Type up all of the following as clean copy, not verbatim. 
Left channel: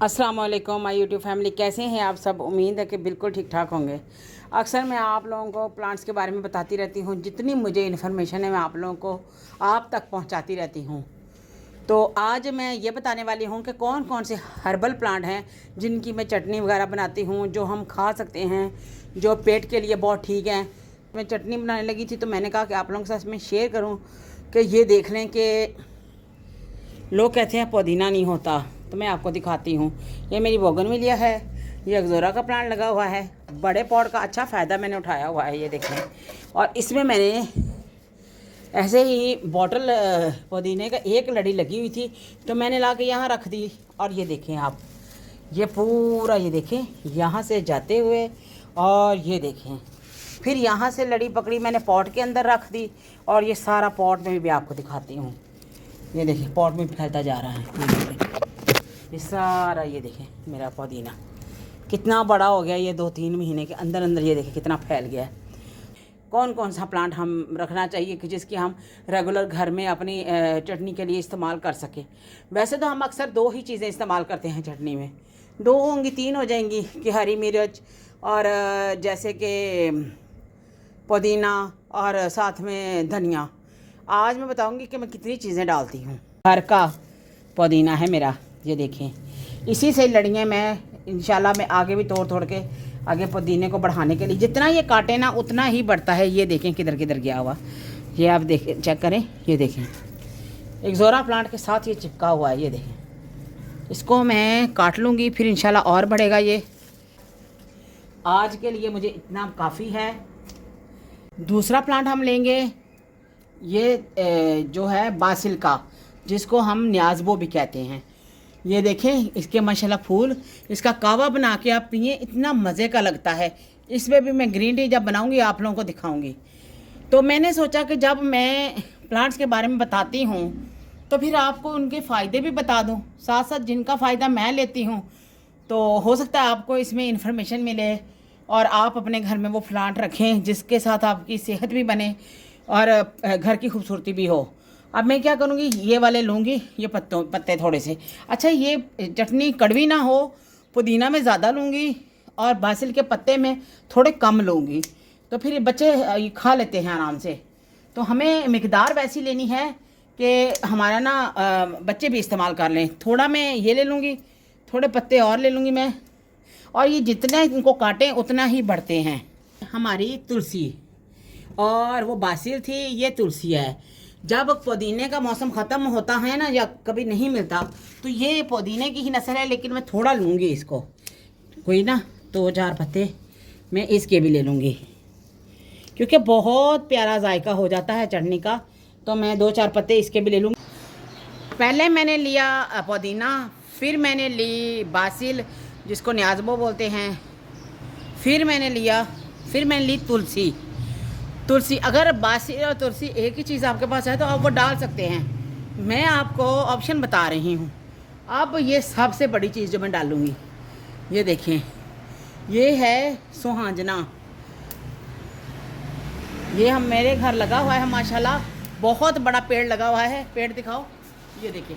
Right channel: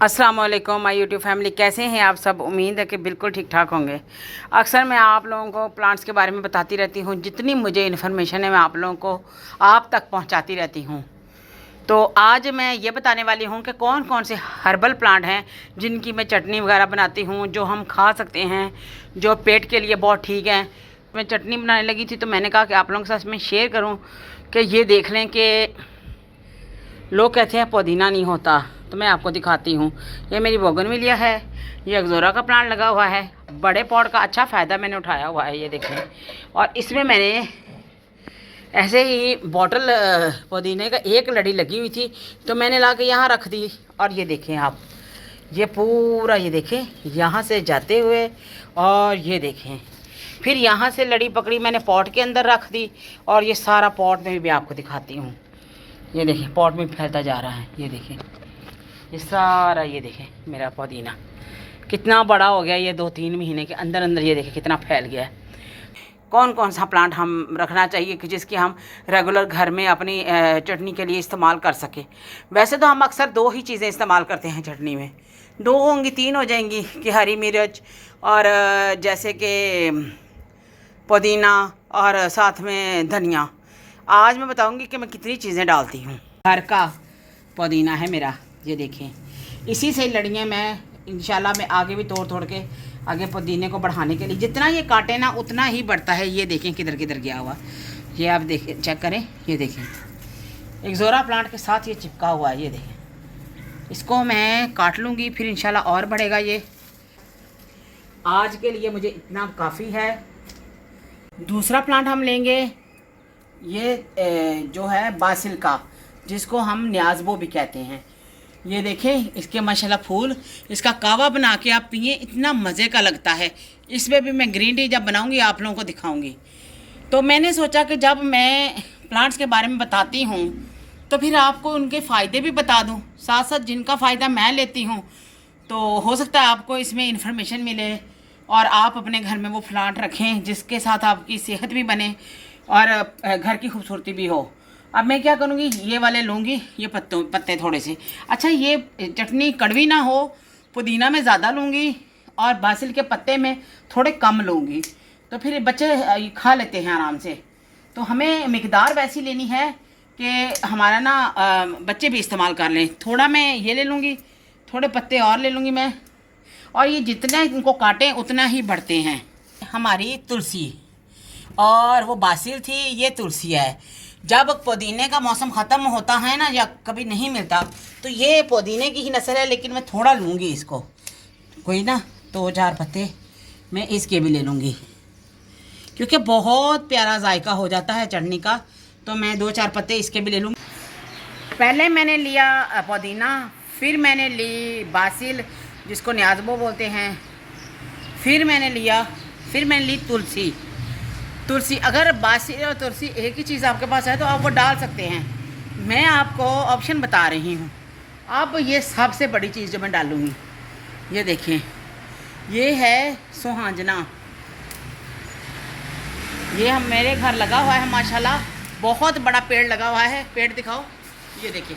अस्सलाम वालेकुम my YouTube family, कैसे हैं आप सब। उम्मीद है कि बिल्कुल ठीक ठाक होंगे। अक्सर मैं आप लोगों को प्लांट्स के बारे में बताती रहती हूँ, जितनी मुझे इन्फॉर्मेशन है मैं आप लोगों को आप तक पहुँचाती रहती हूँ। तो आज मैं ये बताने वाली हूँ कि कौन कौन से हर्बल प्लांट हैं जिनकी मैं चटनी वगैरह बनाती हूँ, जो हम खा सकते हैं, जो पेट के लिए बहुत ठीक है। मैं चटनी बनाने लगी थी तो मैंने कहा कि आप लोगों के साथ मैं शेयर करूँ कि ये देख लें कि लोग कहते हैं पुदीना नहीं होता, तो मैं आपको दिखाती हूँ। ये मेरी बोगनविलिया है, ये एक्जोरा का प्लांट लगा हुआ है। बड़े पॉट का अच्छा फ़ायदा मैंने उठाया हुआ है, ये देखें। और इसमें मैंने ऐसे ही बॉटल पुदीने का एक लड़ी लगी हुई थी तो मैंने ला के यहाँ रख दी। और ये देखें आप, ये पूरा ये देखें यहाँ से जाते हुए, और ये देखें फिर यहाँ से लड़ी पकड़ी मैंने पॉट के अंदर रख दी। और ये सारा पॉट में भी आपको दिखाती हूँ। ये देखें पॉट में फैलता जा रहा है, ये देखें ये सारा, ये देखें मेरा पुदीना कितना बड़ा हो गया। ये 2-3 महीने के अंदर अंदर ये देखें कितना फैल गया है। कौन कौन सा प्लांट हम रखना चाहिए कि जिसकी हम रेगुलर घर में अपनी चटनी के लिए इस्तेमाल कर सकें। वैसे तो हम अक्सर 2 ही चीज़ें इस्तेमाल करते हैं चटनी में, 2 होंगी 3 हो जाएंगी कि हरी मिर्च और जैसे कि पुदीना और साथ में धनिया। आज मैं बताऊंगी कि मैं कितनी चीज़ें डालती हूँ। घर का पुदीना है मेरा, ये देखें। इसी से लड़ियाँ मैं इंशाल्लाह मैं आगे भी तोड़ के आगे पुदीने को बढ़ाने के लिए, जितना ये काटे ना उतना ही बढ़ता है। ये देखें किधर किधर गया हुआ, ये आप देखें, चेक करें, ये देखें एक्जोरा प्लांट के साथ ये चिपका हुआ है। ये देखें, इसको मैं काट लूँगी फिर इंशाल्लाह और बढ़ेगा। ये आज के लिए मुझे इतना काफ़ी है। दूसरा प्लांट हम लेंगे, ये जो है बासिल का, जिसको हम न्याज़बो भी कहते हैं। ये देखें इसके माशाल्लाह फूल, इसका कावा बना के आप पिए, इतना मज़े का लगता है। इसमें भी मैं ग्रीन टी जब बनाऊंगी आप लोगों को दिखाऊंगी। तो मैंने सोचा कि जब मैं प्लांट्स के बारे में बताती हूँ तो फिर आपको उनके फ़ायदे भी बता दूँ, साथ साथ जिनका फ़ायदा मैं लेती हूँ। तो हो सकता है आपको इसमें इन्फॉर्मेशन मिले और आप अपने घर में वो प्लांट रखें जिसके साथ आपकी सेहत भी बने और घर की खूबसूरती भी हो। अब मैं क्या करूँगी, ये वाले लूँगी, ये पत्ते थोड़े से। अच्छा, ये चटनी कड़वी ना हो, पुदीना में ज़्यादा लूँगी और बासिल के पत्ते में थोड़े कम लूँगी, तो फिर बच्चे खा लेते हैं आराम से। तो हमें मिकदार वैसी लेनी है कि हमारा ना बच्चे भी इस्तेमाल कर लें। थोड़ा मैं ये ले लूँगी, थोड़े पत्ते और ले लूँगी मैं, और ये जितना इनको काटें उतना ही बढ़ते हैं। हमारी तुलसी और वो बासिल थी, ये तुलसी है। जब पुदीने का मौसम ख़त्म होता है ना, या कभी नहीं मिलता, तो ये पुदीने की ही नस्ल है, लेकिन मैं थोड़ा लूँगी इसको, कोई ना 2-4 पत्ते मैं इसके भी ले लूँगी, क्योंकि बहुत प्यारा जायका हो जाता है चटनी का। तो मैं 2-4 पत्ते इसके भी ले लूँगी। पहले मैंने लिया पुदीना, फिर मैंने ली बासिल जिसको न्याज़बो बोलते हैं, फिर मैंने ली तुलसी। अगर बासिल और तुलसी एक ही चीज़ आपके पास है तो आप वो डाल सकते हैं। मैं आपको ऑप्शन बता रही हूँ। अब ये सबसे बड़ी चीज़ जो मैं डालूँगी, ये देखें, ये है सुहांजना। ये हम मेरे घर लगा हुआ है माशाल्लाह, बहुत बड़ा पेड़ लगा हुआ है। पेड़ दिखाओ, ये देखें,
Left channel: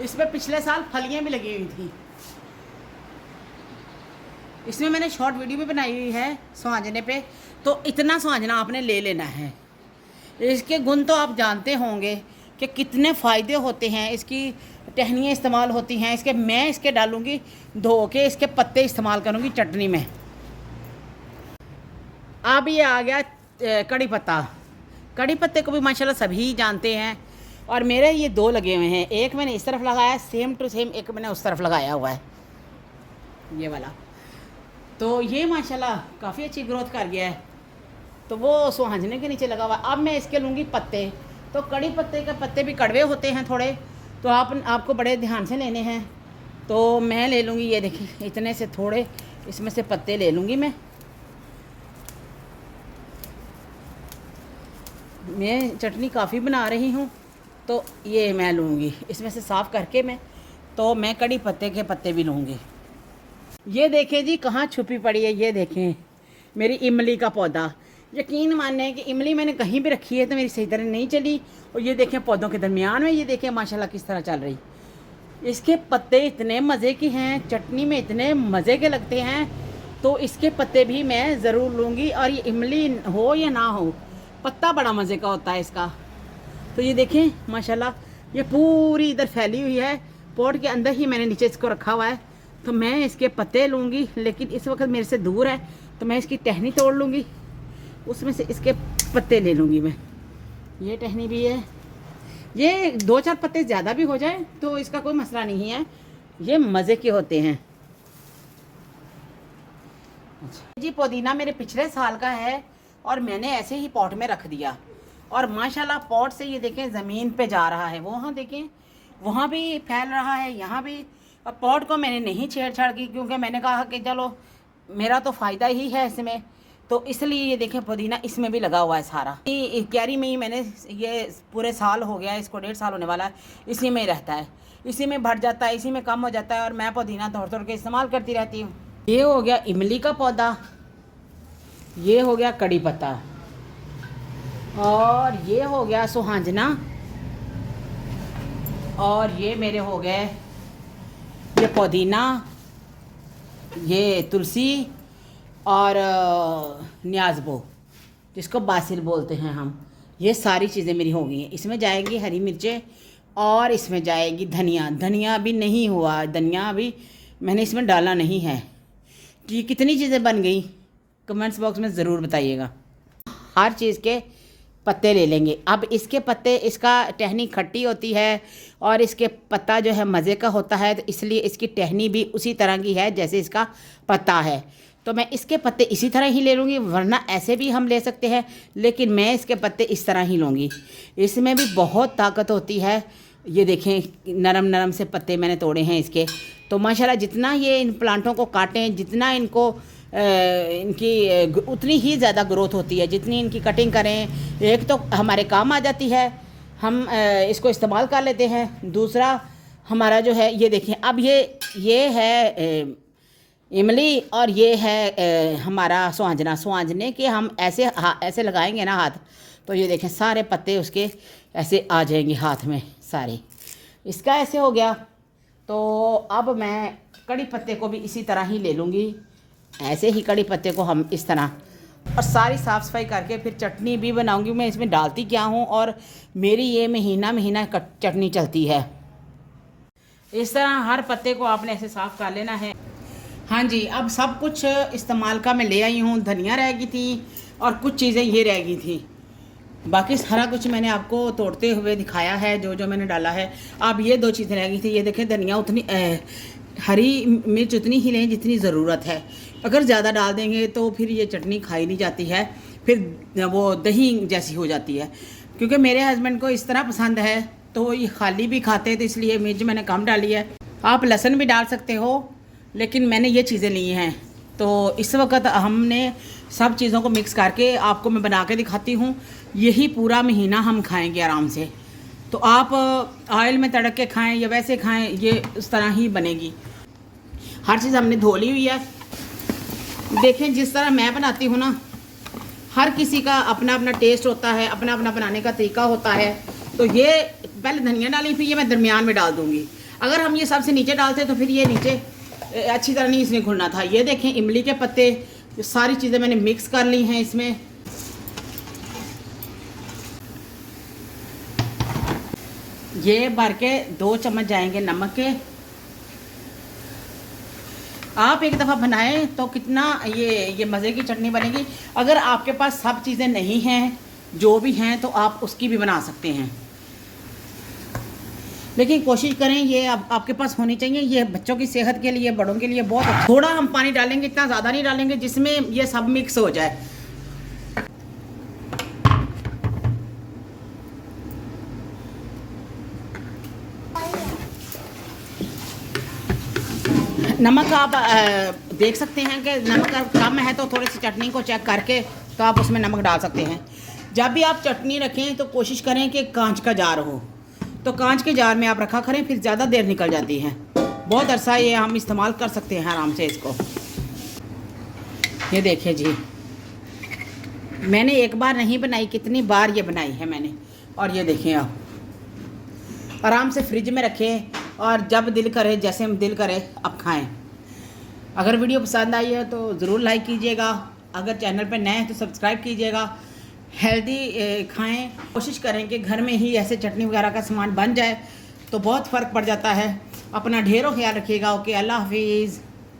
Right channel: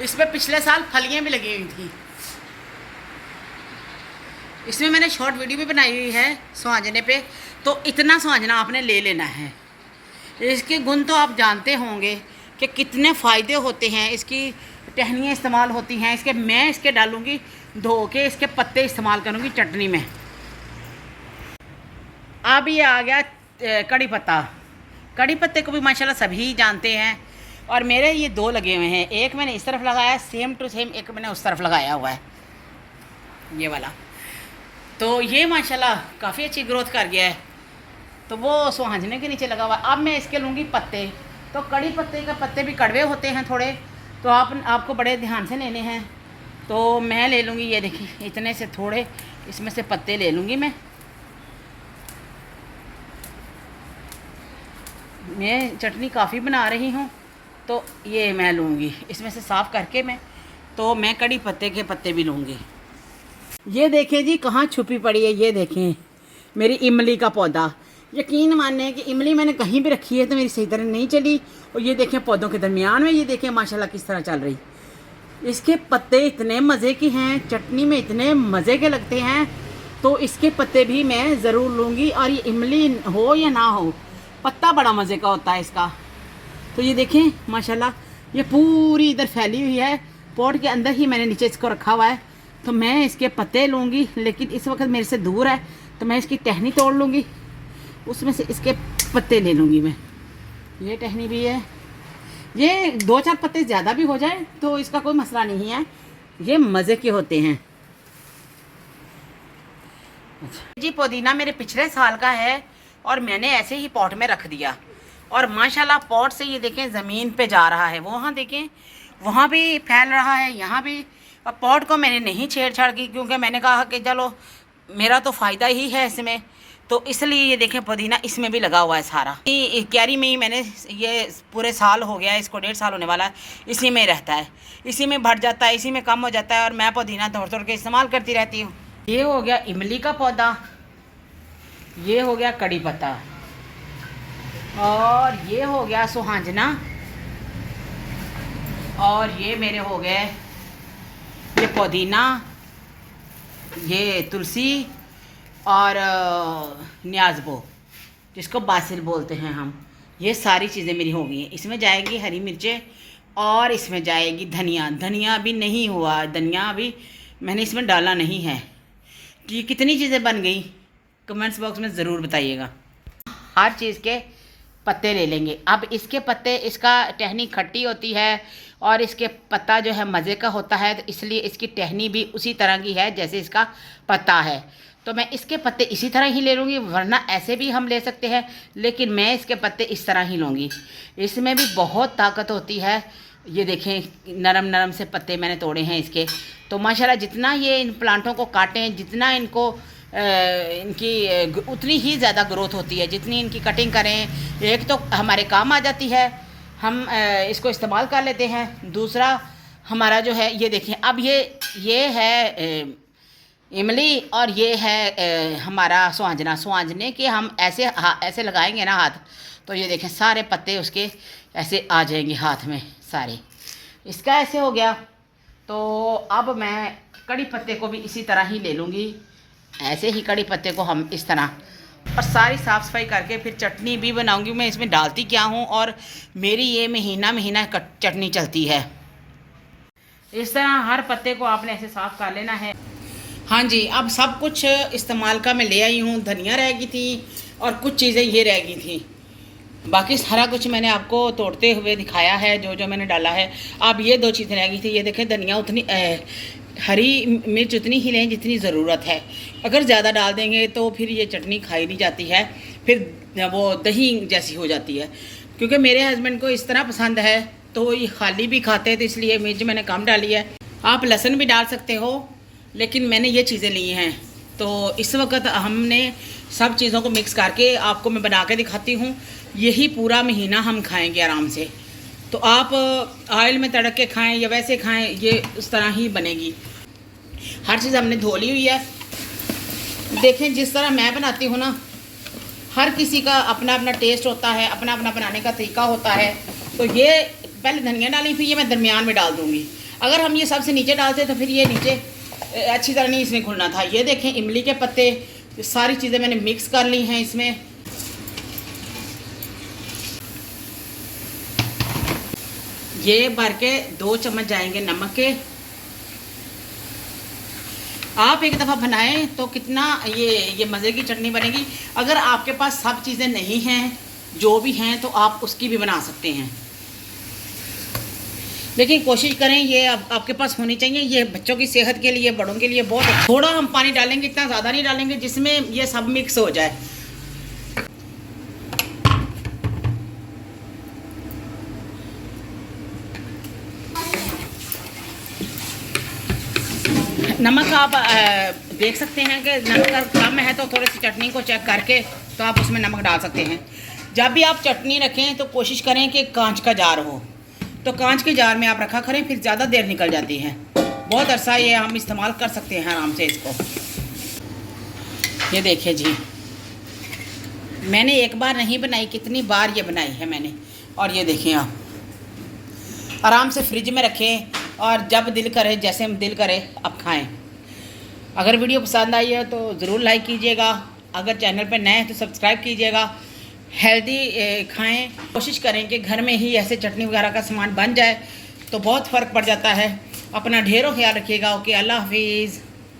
इसमें पिछले साल फलियाँ भी लगी हुई थी। इसमें मैंने शॉर्ट वीडियो भी बनाई हुई है सुहांजने पे। तो इतना सुहांजना आपने ले लेना है। इसके गुण तो आप जानते होंगे कि कितने फ़ायदे होते हैं। इसकी टहनियाँ इस्तेमाल होती हैं इसके। मैं इसके डालूँगी धो के, इसके पत्ते इस्तेमाल करूँगी चटनी में। अब ये आ गया कड़ी पत्ता। कड़ी पत्ते को भी माशाल्लाह सभी जानते हैं, और मेरे ये 2 लगे हुए हैं। एक मैंने इस तरफ लगाया सेम टू सेम, एक मैंने उस तरफ लगाया हुआ है, ये वाला। तो ये माशाल्लाह काफ़ी अच्छी ग्रोथ कर गया है। तो वो सुहांजने के नीचे लगा हुआ है। अब मैं इसके लूँगी पत्ते। तो कड़ी पत्ते के पत्ते भी कड़वे होते हैं थोड़े, तो आपको बड़े ध्यान से लेने हैं। तो मैं ले लूँगी, ये देखिए इतने से थोड़े इसमें से पत्ते ले लूँगी मैं चटनी काफ़ी बना रही हूँ, तो ये मैं लूँगी इसमें से साफ़ करके मैं। तो मैं कड़ी पत्ते के पत्ते भी लूँगी। ये देखें जी कहाँ छुपी पड़ी है, ये देखें मेरी इमली का पौधा। यकीन माने कि इमली मैंने कहीं भी रखी है तो मेरी सही तरह नहीं चली। और ये देखें पौधों के दरमियान में, ये देखें माशाल्लाह किस तरह चल रही। इसके पत्ते इतने मज़े के हैं, चटनी में इतने मज़े के लगते हैं, तो इसके पत्ते भी मैं ज़रूर लूँगी। और ये इमली हो या ना हो, पत्ता बड़ा मज़े का होता है इसका। तो ये देखें माशाल्लाह, ये पूरी इधर फैली हुई है, पॉट के अंदर ही मैंने नीचे इसको रखा हुआ है। तो मैं इसके पत्ते लूँगी, लेकिन इस वक्त मेरे से दूर है, तो मैं इसकी टहनी तोड़ लूँगी, उसमें से इसके पत्ते ले लूँगी मैं। ये टहनी भी है, ये 2-4 पत्ते ज़्यादा भी हो जाए तो इसका कोई मसला नहीं है, ये मज़े के होते हैं। जी पुदीना मेरे पिछले साल का है और मैंने ऐसे ही पॉट में रख दिया, और माशाल्लाह पॉट से ये देखें ज़मीन पे जा रहा है, वहाँ देखें वहाँ भी फैल रहा है, यहाँ भी। और पॉट को मैंने नहीं छेड़छाड़ की, क्योंकि मैंने कहा कि चलो मेरा तो फ़ायदा ही है इसमें, तो इसलिए ये देखें पुदीना इसमें भी लगा हुआ है सारा। क्यारी में ही मैंने ये पूरे साल हो गया है, इसको 1.5 साल होने वाला है, इसी में रहता है, इसी में भर जाता है, इसी में कम हो जाता है, और मैं पुदीना तोड़ तोड़ के इस्तेमाल करती रहती हूँ। ये हो गया इमली का पौधा, ये हो गया कड़ी पत्ता, और ये हो गया सुहांजना, और ये मेरे हो गए ये पुदीना, ये तुलसी, और न्याज़बो जिसको बासिल बोलते हैं हम। ये सारी चीज़ें मेरी हो गई हैं। इसमें जाएगी हरी मिर्चें, और इसमें जाएगी धनिया। धनिया अभी नहीं हुआ, धनिया अभी मैंने इसमें डाला नहीं है। तो ये कितनी चीज़ें बन गई, कमेंट्स बॉक्स में ज़रूर बताइएगा। हर चीज़ के पत्ते ले लेंगे। अब इसके पत्ते, इसका टहनी खट्टी होती है और इसके पत्ता जो है मज़े का होता है, तो इसलिए इसकी टहनी भी उसी तरह की है जैसे इसका पत्ता है। तो मैं इसके पत्ते इसी तरह ही ले लूँगी, वरना ऐसे भी हम ले सकते हैं, लेकिन मैं इसके पत्ते इस तरह ही लूँगी। इसमें भी बहुत ताकत होती है। ये देखें नरम नरम से पत्ते मैंने तोड़े हैं इसके। तो माशाल्लाह जितना ये इन प्लांटों को काटें, जितना इनको इनकी उतनी ही ज़्यादा ग्रोथ होती है, जितनी इनकी कटिंग करें। एक तो हमारे काम आ जाती है, हम इसको इस्तेमाल कर लेते हैं। दूसरा हमारा जो है, ये देखें अब ये है इमली, और ये है हमारा सुहांजना। सुहांजने के हम ऐसे लगाएंगे ना हाथ, तो ये देखें सारे पत्ते उसके ऐसे आ जाएंगे हाथ में सारे। इसका ऐसे हो गया। तो अब मैं कड़ी पत्ते को भी इसी तरह ही ले लूँगी, ऐसे ही कड़ी पत्ते को हम इस तरह, और सारी साफ़ सफाई करके फिर चटनी भी बनाऊंगी। मैं इसमें डालती क्या हूँ, और मेरी ये महीना चटनी चलती है। इस तरह हर पत्ते को आपने ऐसे साफ़ कर लेना है। हाँ जी, अब सब कुछ इस्तेमाल का मैं ले आई हूँ। धनिया रह गई थी और कुछ चीज़ें ये रह गई थी, बाकी सारा कुछ मैंने आपको तोड़ते हुए दिखाया है, जो जो मैंने डाला है। अब ये 2 चीज़ें रह गई थी। ये देखें धनिया उतनी, हरी मिर्च उतनी ही लें जितनी ज़रूरत है। अगर ज़्यादा डाल देंगे तो फिर ये चटनी खाई नहीं जाती है, फिर वो दही जैसी हो जाती है। क्योंकि मेरे हस्बैंड को इस तरह पसंद है, तो ये खाली भी खाते हैं, तो इसलिए मिर्च मैंने कम डाली है। आप लहसुन भी डाल सकते हो, लेकिन मैंने ये चीज़ें ली हैं। तो इस वक्त हमने सब चीज़ों को मिक्स करके आपको मैं बना के दिखाती हूँ। यही पूरा महीना हम खाएँगे आराम से। तो आप ऑयल में तड़क के खाएं या वैसे खाएं, ये उस तरह ही बनेगी। हर चीज़ हमने धो ली हुई है। देखें जिस तरह मैं बनाती हूँ ना, हर किसी का अपना अपना टेस्ट होता है, अपना अपना बनाने का तरीका होता है। तो ये पहले धनिया डाली, फिर ये मैं दरमियान में डाल दूँगी। अगर हम ये सबसे नीचे डालते तो फिर ये नीचे अच्छी तरह नहीं इसमें घुलना था। ये देखें इमली के पत्ते, सारी चीज़ें मैंने मिक्स कर ली हैं इसमें। ये भर के 2 चम्मच जाएंगे नमक के। आप एक दफ़ा बनाएं तो कितना ये मज़े की चटनी बनेगी। अगर आपके पास सब चीज़ें नहीं हैं, जो भी हैं, तो आप उसकी भी बना सकते हैं, लेकिन कोशिश करें ये आपके पास होनी चाहिए। ये बच्चों की सेहत के लिए, बड़ों के लिए बहुत। थोड़ा हम पानी डालेंगे, इतना ज़्यादा नहीं डालेंगे, जिसमें ये सब मिक्स हो जाए। नमक आप देख सकते हैं कि नमक कम है तो थोड़ी सी चटनी को चेक करके तो आप उसमें नमक डाल सकते हैं। जब भी आप चटनी रखें तो कोशिश करें कि कांच का जार हो, तो कांच के जार में आप रखा करें, फिर ज़्यादा देर निकल जाती है। बहुत अरसा ये हम इस्तेमाल कर सकते हैं आराम से इसको। ये देखिए जी, मैंने एक बार नहीं बनाई, कितनी बार ये बनाई है मैंने। और ये देखें आप आराम से फ्रिज में रखें, और जब दिल करे, जैसे दिल करे अब खाएं। अगर वीडियो पसंद आई है तो ज़रूर लाइक कीजिएगा, अगर चैनल पर नए हैं तो सब्सक्राइब कीजिएगा। हेल्दी खाएं, कोशिश करें कि घर में ही ऐसे चटनी वगैरह का सामान बन जाए तो बहुत फ़र्क पड़ जाता है। अपना ढेरों ख्याल रखिएगा। ओके, अल्लाह हाफिज़।